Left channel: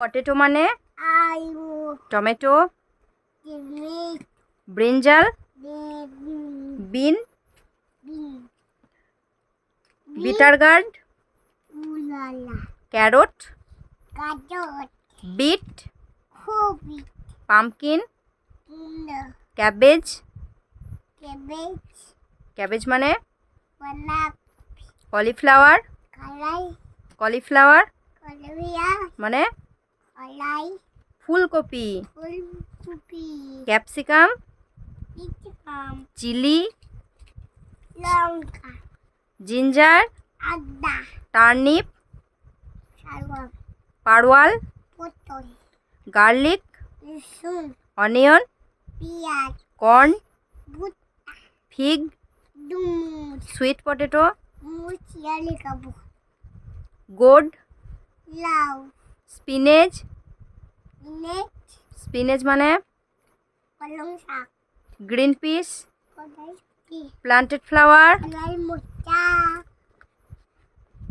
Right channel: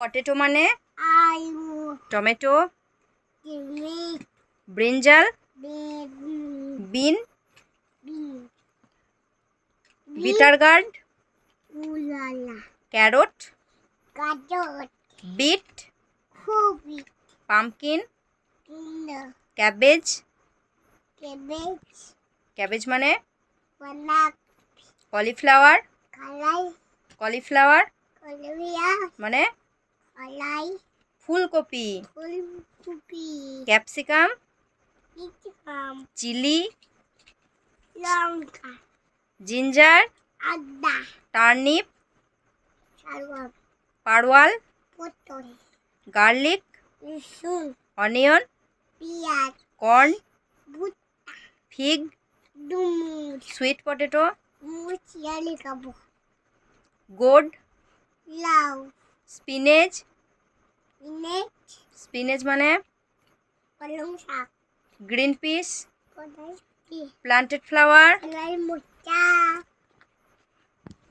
Potato মানে আলু, tomato, tomato, brinjal, bean, bean, bitter gourd, উলালা, ক্যারট, গাজর, বিট, কপি, pumpkin, kilo, cabbage. Cabbage, cabbage মানে বাঁধাকপি, কলিফ্লাওয়ার, কলাই, কলিফ্লাওয়ার কলমিয়া, মানে কলাই, ফুলকপি, ফুলকপি, ক্যাপসিকাম, ক্যাপসিকাম, চিলি, লঙ্কা, জিঞ্জার, আদা, টার্নিপ, শালগম, পারওয়াল, পটল, গার্লিক, রসুন, অনিয়ন, পেঁয়াজ, কর্ন, ভুট্টা, ফিগ, ডুমুর, সুইট পটেটো, মুসিয়ালি কাবু, গোড, লাউ, স্পিনেচ। নেট, স্পিনেচ মানে পালং শাক, গ্রিন পিস, কলাই, প্লান্টেড ফ্লাওয়ার, কলাই মোচা।